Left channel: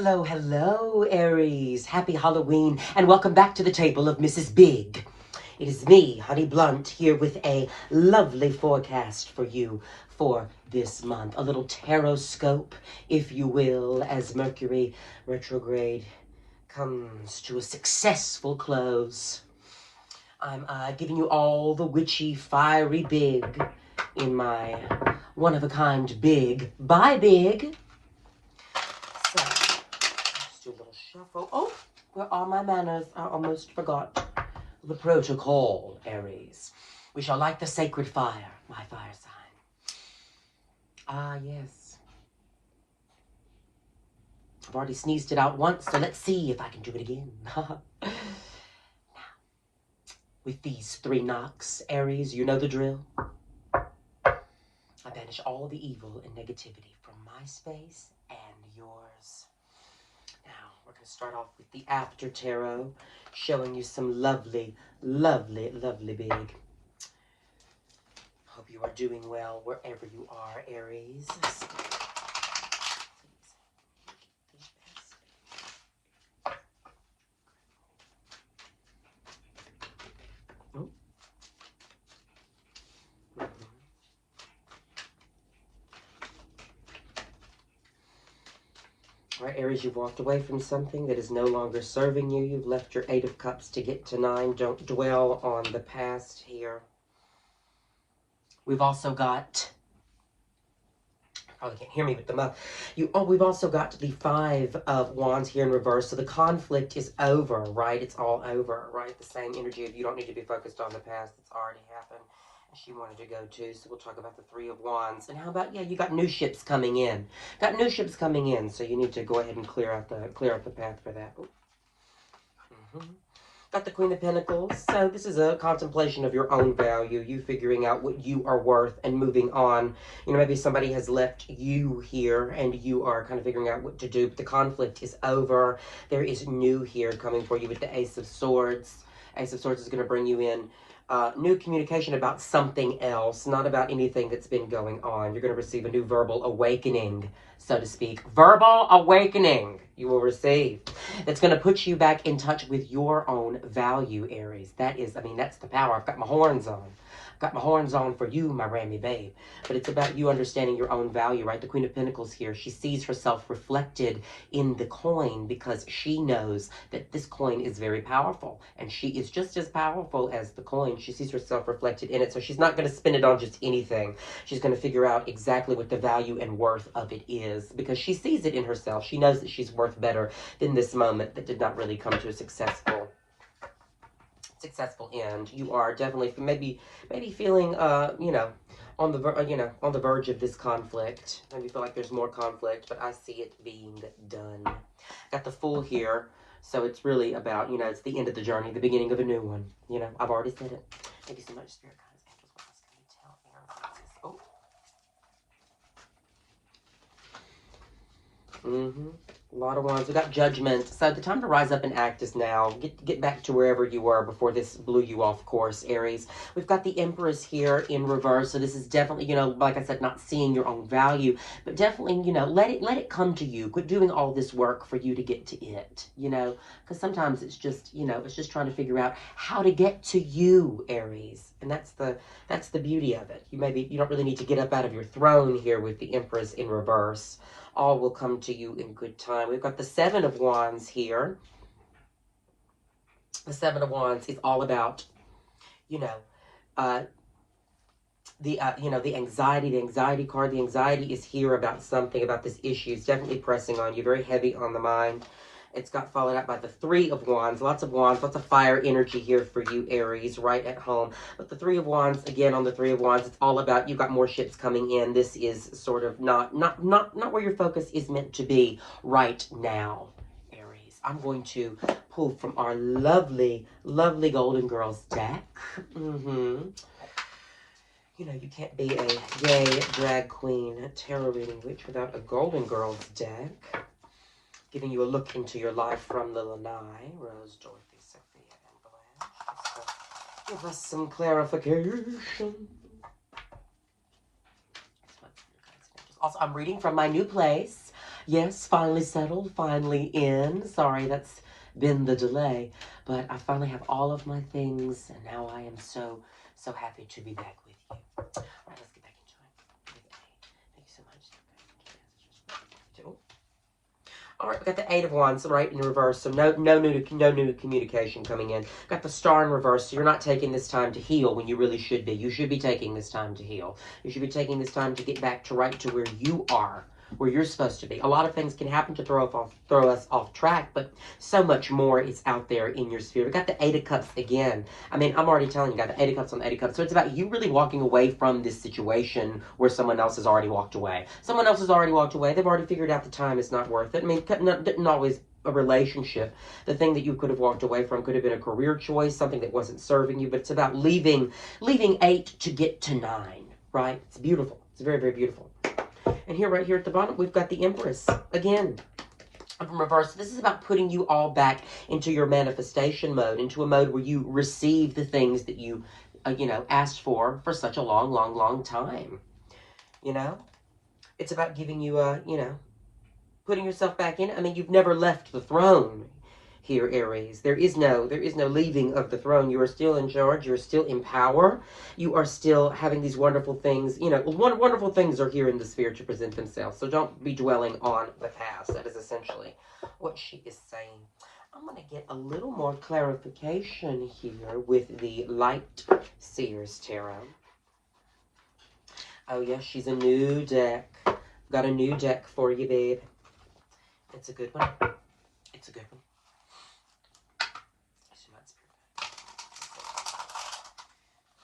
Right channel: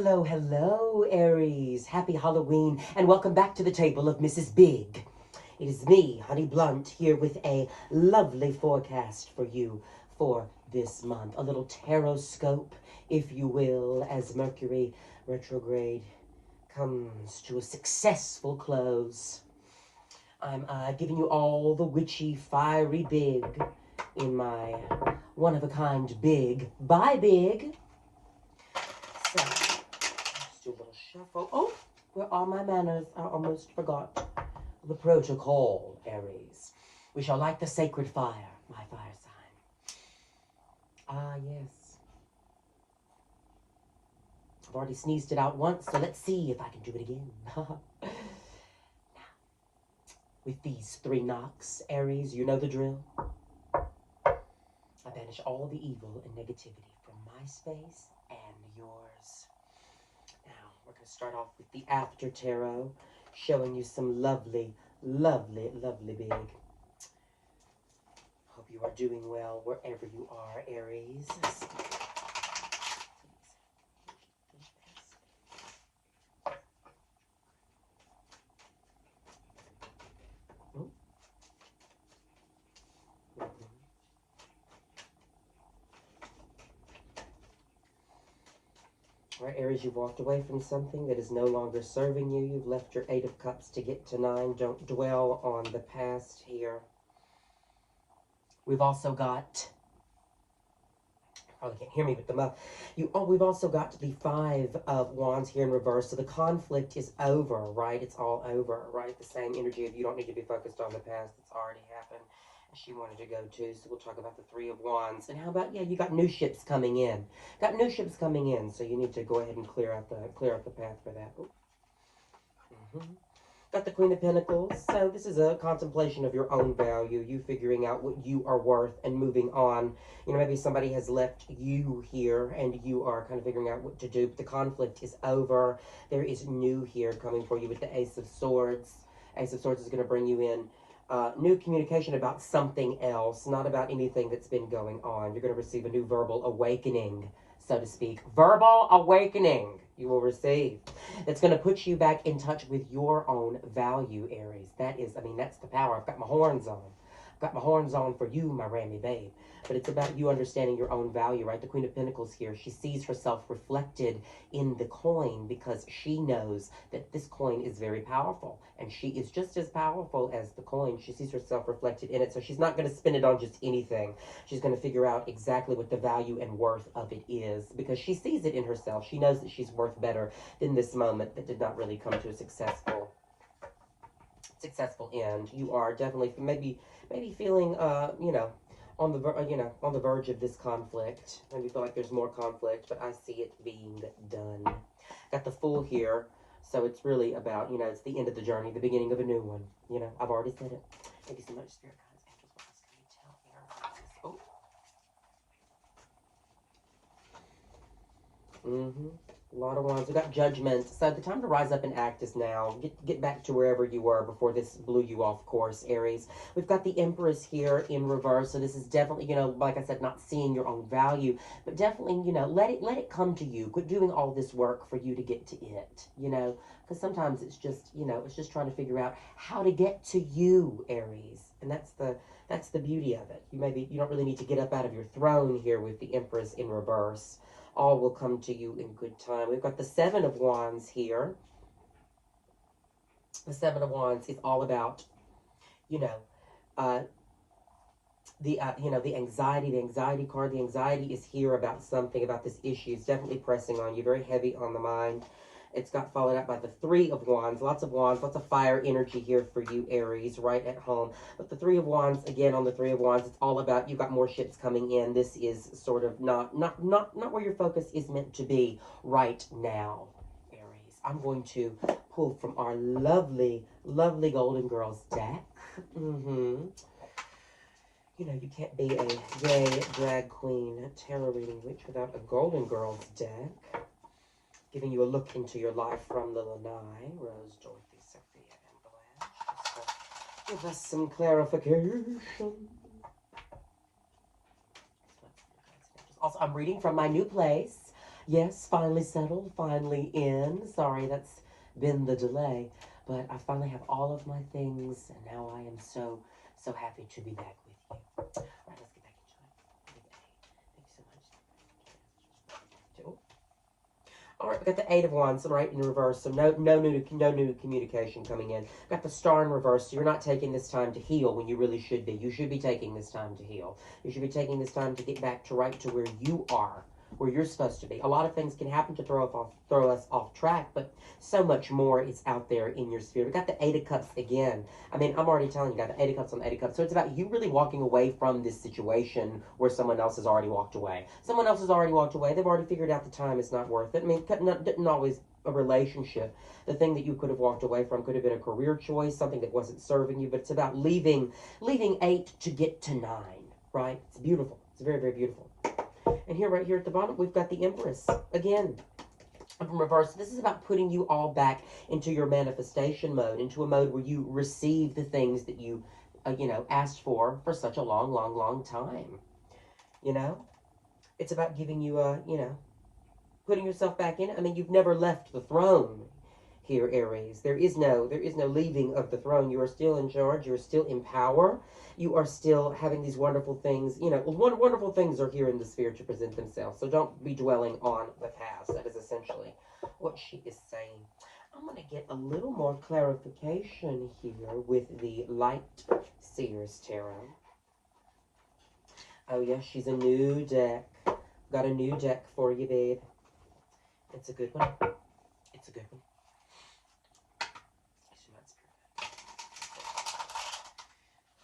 Hello, hello, Aries. Happy Halloween, and welcome back to the table of Mrs. Big. It is me, Honey Blunt, here with a lovely forecast for you for this month. A little tarot scope, if you will, as Mercury retrograde comes to a successful close. I'm giving you all the witchy, fiery big in my one-of-a-kind big. Bye, big. So, let's do a little shuffle. Oh, where are my manners? I almost forgot the protocol, Aries. We shall light the sacred fire, my fire sign. Ah, yes. I've already sneezed it out once, so let's see if I can do it again. Now, with these 3 knocks, Aries, you know the drill. I banish all the evil and negativity from my space and yours. Now, we're going to start off with the After Tarot, showing you some lovely, lovely, lovely big. Hope you are doing well wherever you are, Aries. All right, Aries, you've walked away from something that is no longer serving you. You've left your 8 of Cups to get to 9. Don't dwell on the past here. We've also got, probably can't hear me with the mouth. We've also got the 5 of Wands here in reverse. So the conflict is over, right? It's all over, right? The same energy of you don't need to be focused on the past. It's already happened. She wanted to go too, so we'll talk about the 3 of Wands. And how about, yeah, you got new ships coming in. Got new ships coming in, so you need to go ahead and clear out the path for that. Got the Queen of Pentacles. So this is a contemplation of your own value, you figuring out what you are worth and moving on. You know, maybe somebody has left you here and you are kind of figuring out what to do. But the conflict is over. There is new here coming for you with the Ace of Swords. Ace of Swords is going to bring you in new communication about something else, not about anything that's been going on. You're going to receive a new verbal awakening, so to speak. Verbal awakening you will receive. That's going to put you back in touch with your own value, Aries. That is, I mean, that's the power. I've got my horns on. Got my horns on for you, my Rammy babe. But it's about you understanding your own value, right? The Queen of Pentacles here, she sees herself reflected in the coin because she knows that this coin is very powerful. And she is just as powerful as the coin. She sees herself reflected in it. So she's not going to spend it on just anything. She's going to figure out exactly what the value and worth of it is because she sees it in herself. She knows that she's worth better than this moment that did not really come to a successful end. You are definitely maybe feeling you know, on the verge of this conflict. Maybe feel like there's more conflict, but I see it being done. Got the Fool here, so it's really about, you know, it's the end of the journey, the beginning of a new one. You know, I've already said it. Thank you so much, Spirit Guides. What else can you tell Aries? Oh. A lot of Wands. We got Judgment. So the time to rise up and act is now. Get back to wherever you were before this blew you off course, Aries. We've got the Empress here in reverse. So this is definitely, you know, like I said, not seeing your own value, but definitely, you know, let it come to you. Quit doing all this work for you to get to it, you know, because sometimes it's just, you know, it's just trying to figure out how to get to you, Aries. And that's the beauty of it. You don't really need to get up out of your throne here with the Empress in reverse. All will come to you in good time. We've got the 7 of Wands here. The 7 of Wands is all about, you know, the anxiety. The anxiety card. The anxiety is here about something, about this issue. It's definitely pressing on you. Very heavy on the mind. It's got followed up by the 3 of Wands. Lots of fire energy here for you, Aries, right at home. But the 3 of Wands, again, on the 3 of Wands, it's all about you got more ships coming in. This is sort of not where your focus is meant to be right now, Aries. I'm going to pull from our lovely, lovely Golden Girls deck. You know, you can't be a gay drag queen tarot reading witch without a Golden Girls deck. Giving you a look into your life from the Lanai, Rose, Dorothy, Sophia, and Blanche. So give us some clarification. Also, I'm reading from my new place. Yes, finally settled, finally in. Sorry, that's been the delay. But I finally have all of my things, and now I am so, so happy to be back with you. All right, let's get back into it. Thank you so much. All right, we got the Eight of Wands right in reverse, so no new communication coming in. Got the Star in reverse, so you're not taking this time to heal when you really should be. You should be taking this time to heal. You should be taking this time to get back to right to where you are, where you're supposed to be. A lot of things can happen to throw us off track, but so much more is out there in your sphere. We got the Eight of Cups again. I mean, I'm already telling you, got the Eight of Cups on the Eight of Cups. So it's about you really walking away from this situation where someone else has already walked away. Someone else has already walked away. They've already figured out the time is not worth it. I mean, didn't always a relationship. The thing that you could have walked away from could have been a career choice, something that wasn't serving you, but it's about leaving 8 to get to 9, right? It's beautiful. It's very, very beautiful. And here, right here at the bottom, we've got the Empress again. From reverse. This is about putting you all back into your manifestation mode, into a mode where you receive the things that you, asked for such a long time. It's about giving you putting yourself back in. I mean, you've never left the throne here, Aries. There is no leaving of the throne. You are still in charge. You're still in power. You are still having these wonderful things. Wonderful things are here in the sphere to present themselves. So don't be dwelling on the past. That is essentially what she is saying. I'm going to get a little more clarification here with the Light Seers Tarot. Oh, yes, she's a new deck. Got a new deck for you, babe. It's a good one. It's a good one.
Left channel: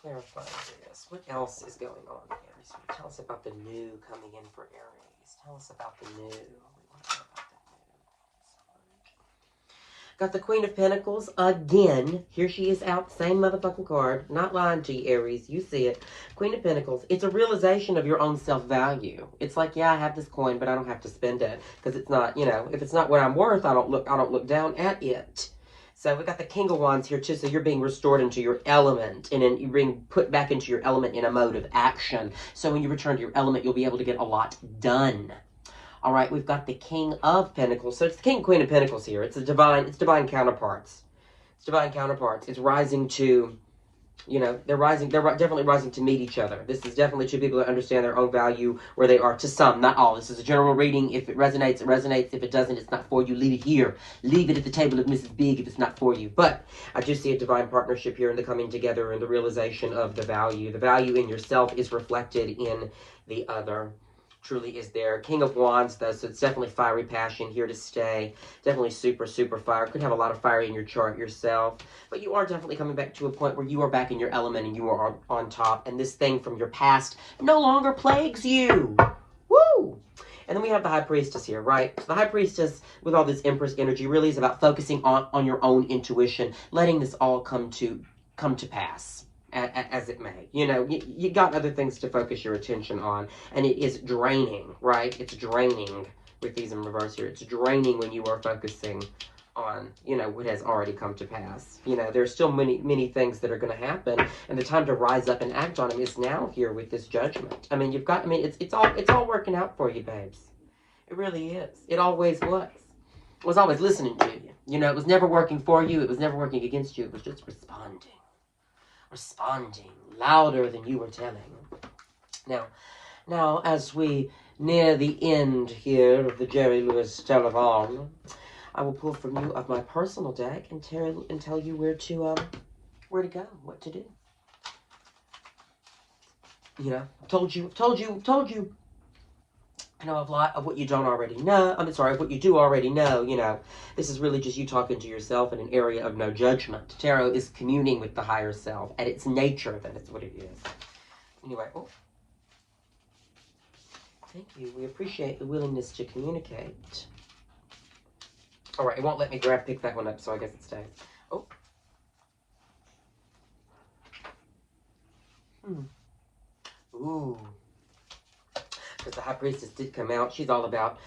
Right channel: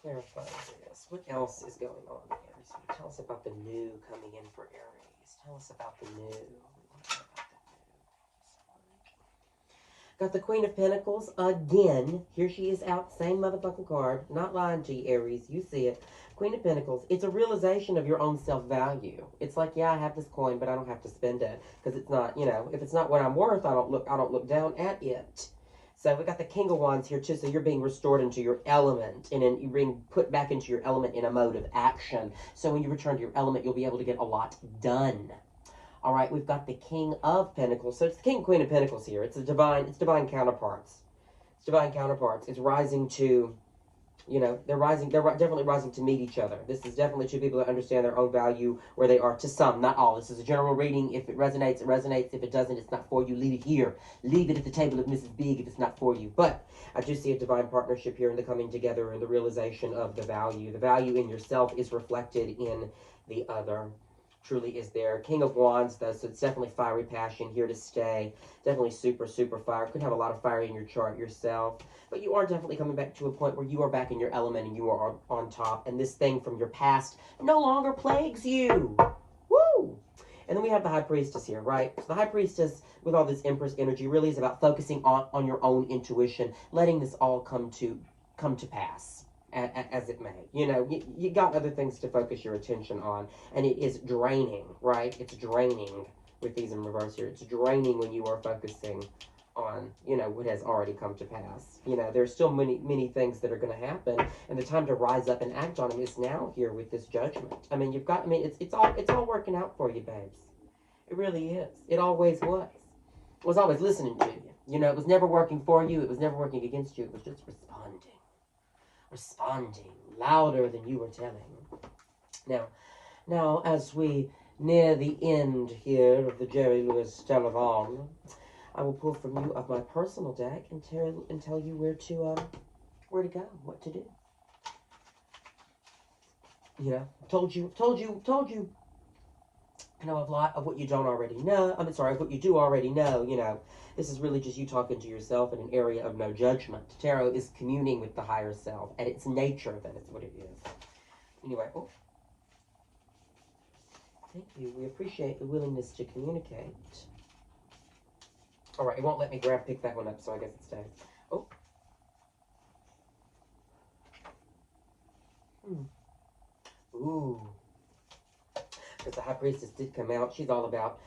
Clarify this. What else is going on, Aries? Tell us about the new coming in for Aries. Tell us about the new. We want to know about the new. Got the Queen of Pentacles again. Here she is out. Same motherfucking card. Not lying to you, Aries. You see it. Queen of Pentacles. It's a realization of your own self-value. It's like, yeah, I have this coin, but I don't have to spend it because it's not, if it's not what I'm worth, I don't look down at it. So we got the King of Wands here too. So you're being restored into your element, and then you're being put back into your element in a mode of action. So when you return to your element, you'll be able to get a lot done. All right, we've got the King of Pentacles. So it's the King and Queen of Pentacles here. It's divine counterparts. It's divine counterparts. It's rising to, they're definitely rising to meet each other. This is definitely two people that understand their own value where they are, to some, not all. This is a general reading. If it resonates, it resonates. If it doesn't, it's not for you. Leave it here. Leave it at the table of Mrs. Big if it's not for you. But I do see a divine partnership here in the coming together and the realization of the value. The value in yourself is reflected in the other. Truly is there. King of Wands, though, so it's definitely fiery passion here to stay. Definitely super, super fire. Could have a lot of fire in your chart yourself. But you are definitely coming back to a point where you are back in your element and you are on top. And this thing from your past no longer plagues you. Woo! And then we have the High Priestess here, right? So the High Priestess, with all this Empress energy, really is about focusing on your own intuition, letting this all come to pass. As it may. You got other things to focus your attention on, and it is draining, right? It's draining with these in reverse here. It's draining when you are focusing on, what has already come to pass. There's still many things that are going to happen, and the time to rise up and act on them is now here with this judgment. I mean, it's all working out for you, babes. It really is. It always was. It was always listening to you. It was never working for you. It was never working against you. It was just responding louder than you were telling. Now, as we near the end here of the Jerry Lewis Telethon, I will pull from you of my personal deck and tell you where to go, what to do. Told you. I know a lot of what you don't already know. Of what you do already know. This is really just you talking to yourself in an area of no judgment. Tarot is communing with the higher self. At its nature, that is what it is. Anyway, thank you. We appreciate the willingness to communicate. All right, it won't let me pick that one up, so I guess it stays. Oh. Ooh. Because the High Priestess did come out. She's all about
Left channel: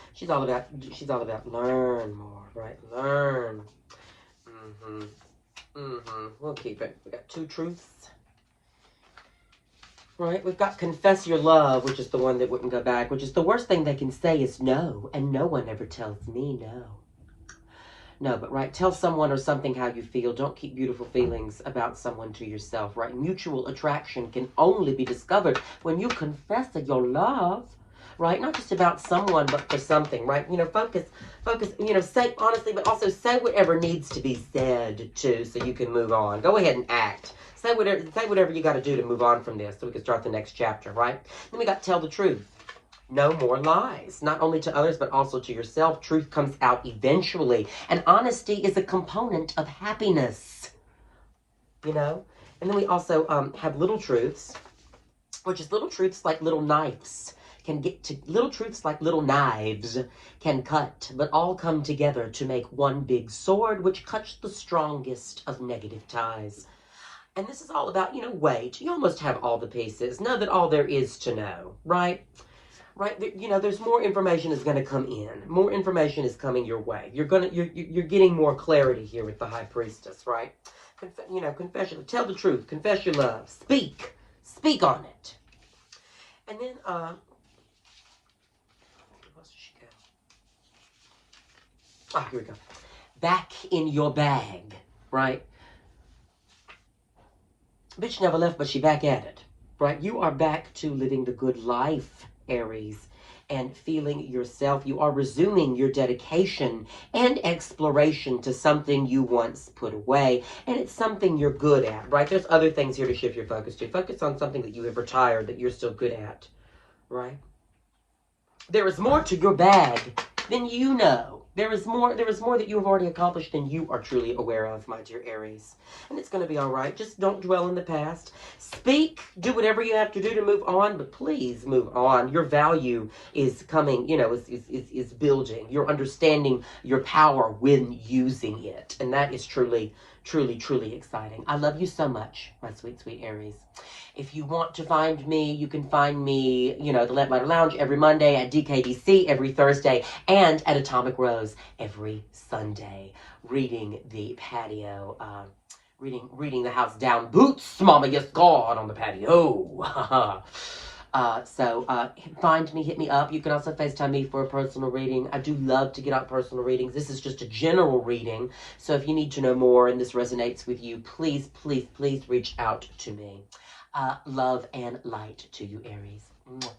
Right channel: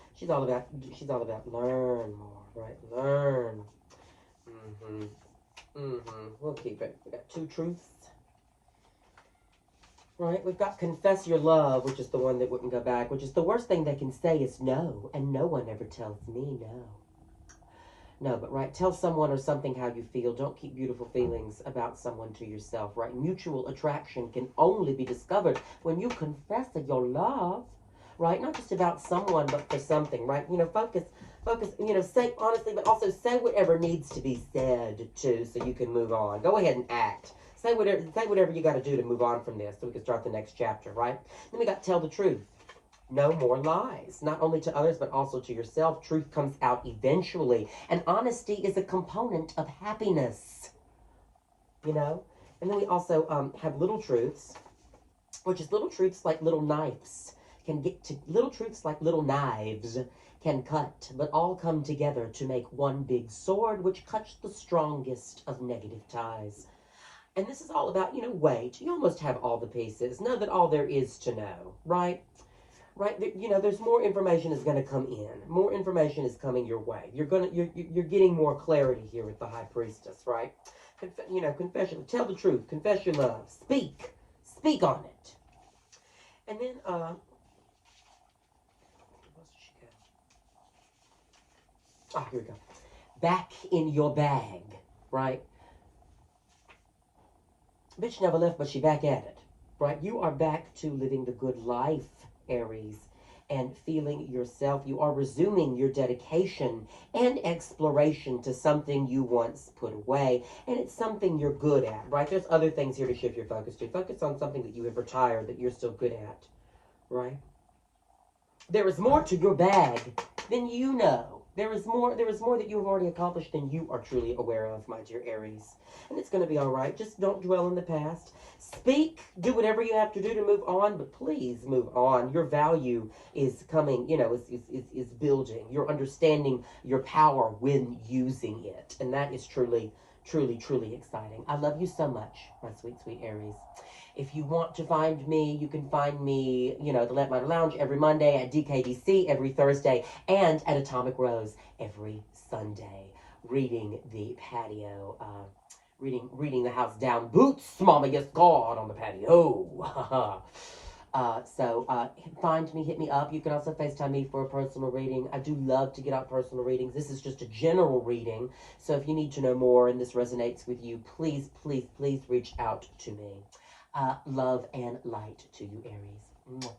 learn more, right? Learn. We'll keep it. We got 2 truths. Right? We've got confess your love, which is the one that wouldn't go back, which is the worst thing they can say is no, and no one ever tells me no. No, but right, tell someone or something how you feel. Don't keep beautiful feelings about someone to yourself, right? Mutual attraction can only be discovered when you confess your love, right? Not just about someone, but for something, right? Focus, say honestly, but also say whatever needs to be said too, so you can move on. Go ahead and act. Say whatever you got to do to move on from this, so we can start the next chapter, right? Then we got to tell the truth. No more lies, not only to others, but also to yourself. Truth comes out eventually. And honesty is a component of happiness, you know? And then we also have little truths, which is little truths like little knives can get to, little truths like little knives can cut, but all come together to make one big sword, which cuts the strongest of negative ties. And this is all about, wait, you almost have all the pieces. Know that all there is to know, right? Right, there's more information is going to come in. More information is coming your way. You're getting more clarity here with the High Priestess, right? Confession. Tell the truth. Confess your love. Speak on it. And then, where else did she go? Ah, here we go. Back in your bag, right? Bitch never left, but she back at it, right? You are back to living the good life, Aries, and feeling yourself. You are resuming your dedication and exploration to something you once put away, and it's something you're good at, right? There's other things here to shift your focus to. Focus on something that you have retired that you're still good at, right? There is more to your bag than you know. There is more that you have already accomplished than you are truly aware of, my dear Aries. And it's going to be all right. Just don't dwell in the past. Speak, do whatever you have to do to move on, but please move on. Your value is coming, is building. You're understanding your power when using it. And that is truly, truly, truly exciting. I love you so much, my sweet, sweet Aries. If you want to find me, you can find me, the Let Lighter Lounge every Monday, at DKDC every Thursday, and at Atomic Rose every Sunday. Reading the patio, reading the house down. Boots, mama, yes, God, on the patio. Find me, hit me up. You can also FaceTime me for a personal reading. I do love to get out personal readings. This is just a general reading. So if you need to know more and this resonates with you, please, please, please reach out to me. Love and light to you, Aries. Mwah.